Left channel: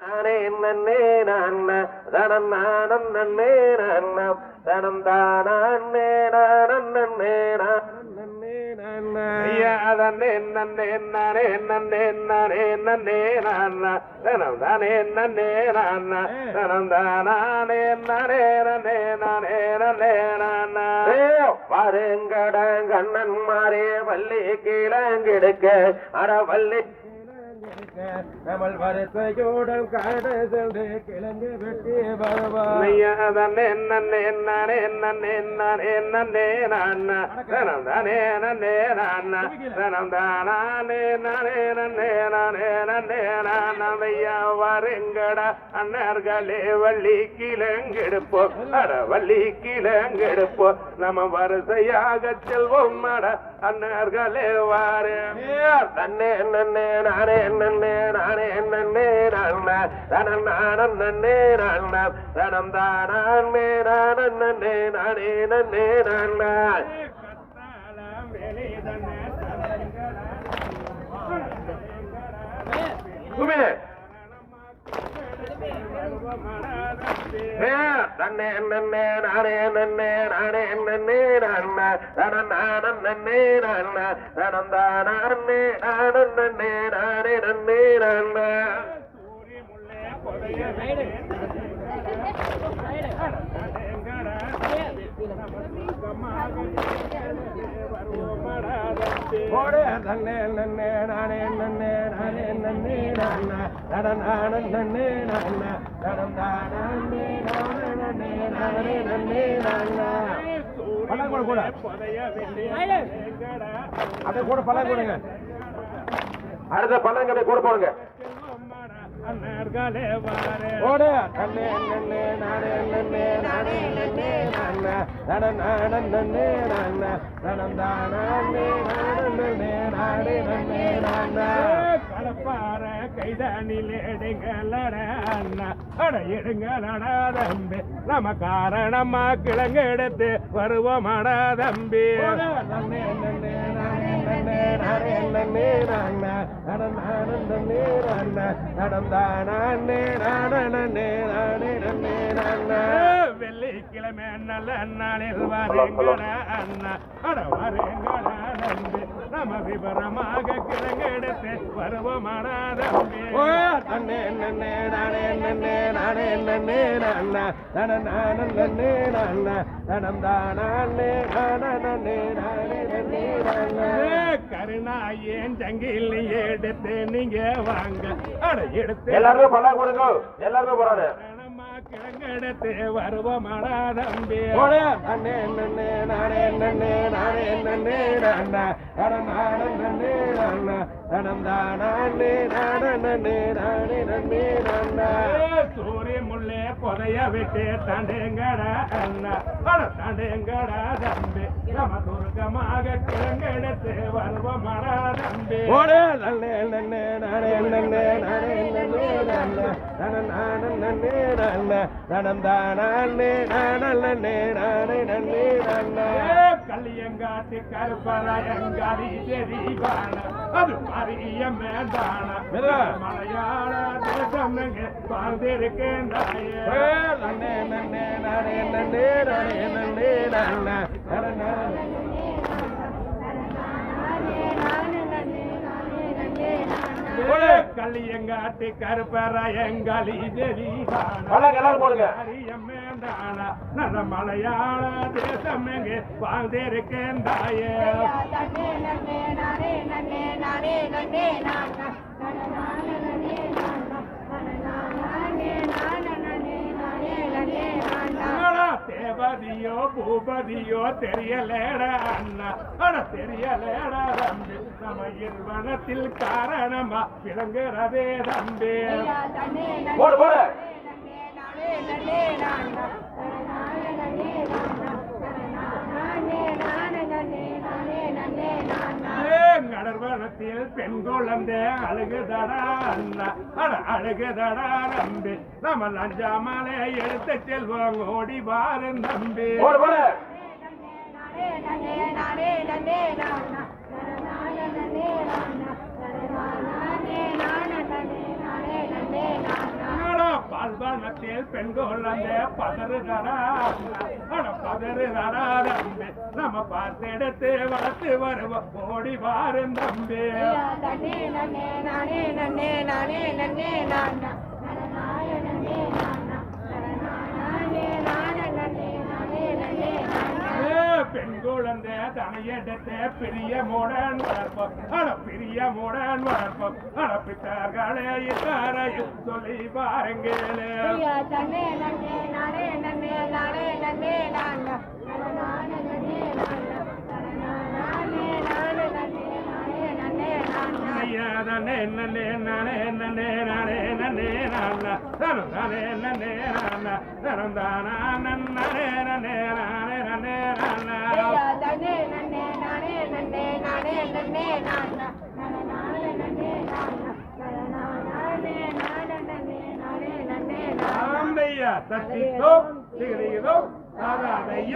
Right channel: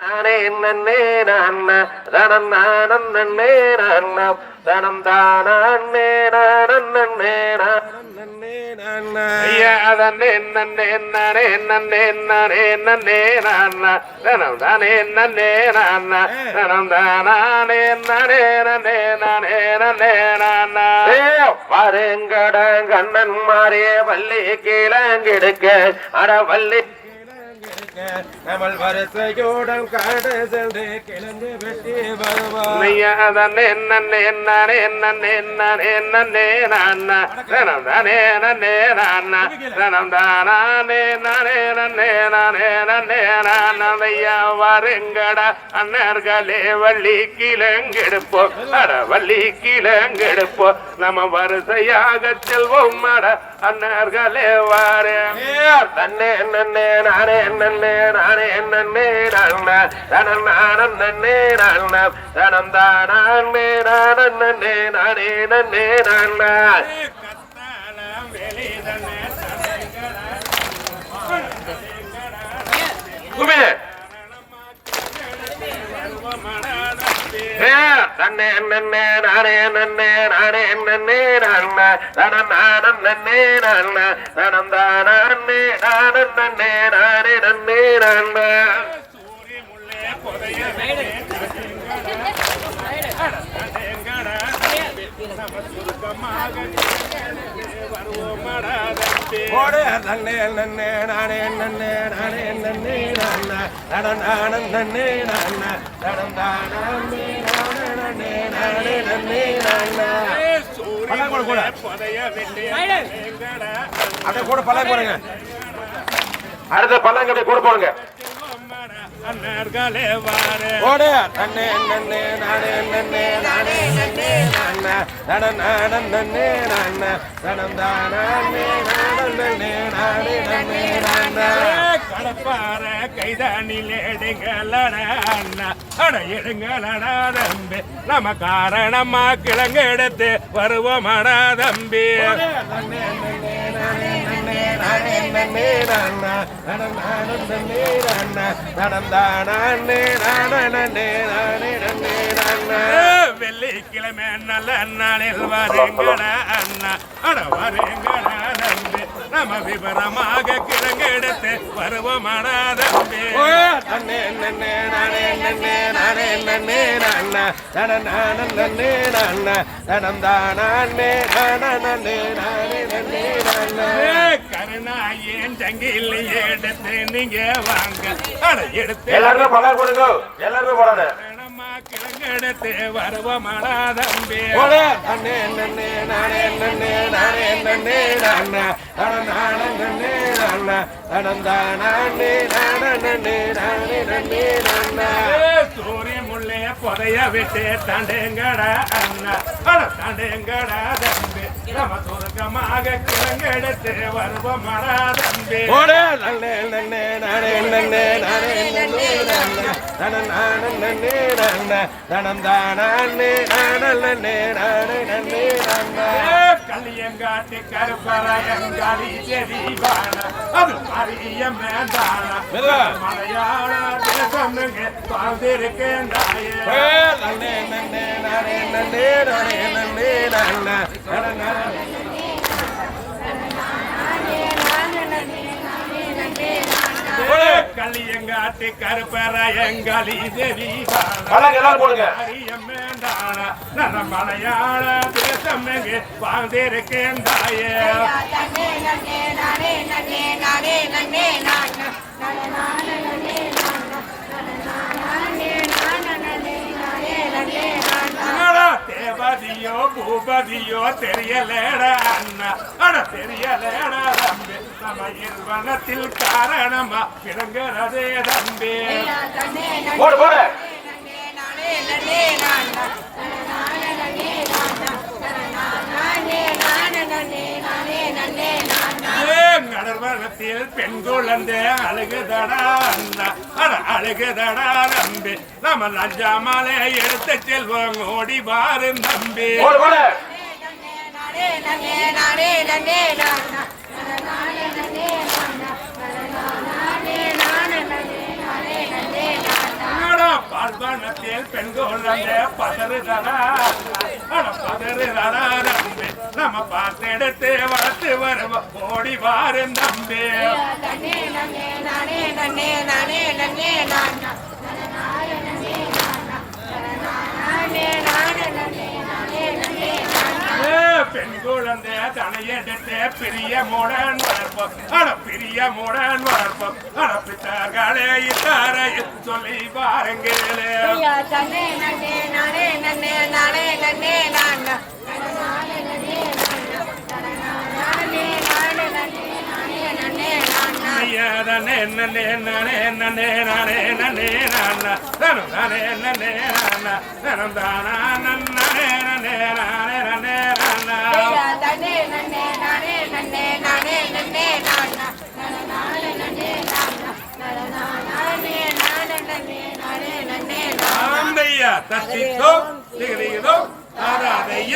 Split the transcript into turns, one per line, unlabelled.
நானே நன்னே நான்ன தனம் நானம் நன்னே நான்னம் தனம் தானே நானம் நன்னே நன்னே. நான்ன ஐயா தன்னே நன்னே நானே நன்னே நானே நன்னே நான்ன தனம் தானே நன்னே தானே நானே நானே கண்ணன் மாறிய வள்ளி கீழங்கெடுக்க அட வள்ளி நம்மள் வரிசையோடம் காட சென்று கிளந்து வெட்டி வருவார்.
வருங்கட அண்ணர்களே வள்ளி கிழங்கெடுப்போ. அட வள்ளி கிழங்கெடுப்போ. நம்ம வரிசையாக செல்வோம் அட. அண்ணர்களே வாரு.
தன்னே நன்னே நானே நன்னே நானே நன்னே நான தனம் நானம் நன்னே நான தனம் தானே நானம் நன்னே நானே. நன்னே நான குமே தன்னே நன்னே நானே நன்னே நானே நன்னே நான தனம் நானம் நன்னே நான தனம் தானே நானம் நன்னே நானே நன்னே நன்னே நன்னே நானே நன்னே நானே நன்னே கூட கூட அப்படியே கூட போடுங்க. அடுத்த பழம் அப்படியே கூட போடுங்க. ஓடு நன்னே நன்னே நானே நன்னே நானே நன்னே நான. தடம் நானம் நன்னே நான. தடம் தானே நன்னே நானே
நன்னே நான கடப்பார கைதானில் எடுங்களடா அண்ணா. அட எடுங்களடா தம்பி. நம்ம காரணமா கிழங்கு எடுத்து வருவோமாடா தம்பி
வெள்ளிக்கிழமை நல்ல
நாளில் வரீங்கடா அண்ணா
அட வரீங்கடா தம்பி நம்ம விவரமாக கிழங்கு எடுத்து வருவோமாடா தம்பி
கருணாயேன் ஜங்கில் எடுத்து நீங்க வாங்க. அட எடுத்து.
எல்லாருமே பழம் கொடுங்க. எல்லாருமே போடாது.
கரணமா கிழங்கு எடுத்து வருவோமாடா தம்பி போடு
அண்ணே நன்னே நானே நன்னே நானே நன்னே நானா நானே நன்னே நானா தடம் நானே நன்னே நானே நன்னே
நானா சூரிய முள்ளே புதைய விட்டு தாண்டேங்கடா அண்ணா. அட தாண்டேங்கடா தம்பி. நம்ம சுருக்கமாக கிழங்கு எடுத்து வருவோமாடா தம்பி. போடு.
நன்னே நன்னே நானே நன்னே நானே நன்னே நானா. நானே நன்னே நானா. தானே நானே நன்னே நானே நன்னே நானா.
கல்லியங்காட்டு கருப்பரையங்காரி செடிவான அது அரிய மேதான மெதுவா. மலையாள தேசம்னுங்க வாழ்ந்திருக்கேன் நன்னே நன்னே நானே நன்னே நானே செடிவான பழம் எல்லாம் போடுங்க அரிய மேதான நல்ல மலையாள தேசம் எங்கே வாழ்ந்திருக்கேன் தாயே என்னடா தேவதியோ பூபதியோ தெரியலேடா அண்ணா அட தெரியலேடா தம்பி நம்ம இருவனத்தில் காரணமா விளங்குறதே தம்பி போடு போடு கடற்வனத்தில் பெண் குழந்தை அழுகுதடா அண்ணா. அட அழுகுதடா தம்பி. நம்ம லஞ்சாமலை எடுத்து செல்வோம் ஓடி பாரு ஏ பால்பானத்தில் பெண்கள் அந்த பதறுதடா நம்ம பார்த்தெடுத்து வளர்த்து வருவ ஓடி வாரும் தம்பி நன்னே நன்னே நானே நன்னே நானே நன்னே நானா நானே நன்னே நானா நானே நானே நன்னே நானே நன்னே நானா ஏ, பெண் குழந்தை தனையெடுத்து பெரிய மூடன் வளர்ப்போம். அட பெரிய மூடன் வளர்ப்போம். அட பித்தார்களே இத்தாரை சொல்லி பாருங்களே. ஐயா தன்னே நன்னே நானே நன்னே நானே நன்னே நானா நானே நன்னே நானா நானே நானே நன்னே நானே நன்னே நானா ஐயாதனே நன்னே நானே நன்னே நானே நன்னே நானா தனம் தானே நன்னே நானா தனம் தானா நன்னே நன்னே நானே நன்னே நானா ஐயா தன்னே நன்னே நானே நன்னே நானே நன்னே நானா நானே தத்தித்தோ திகதிகதோ அதாதைய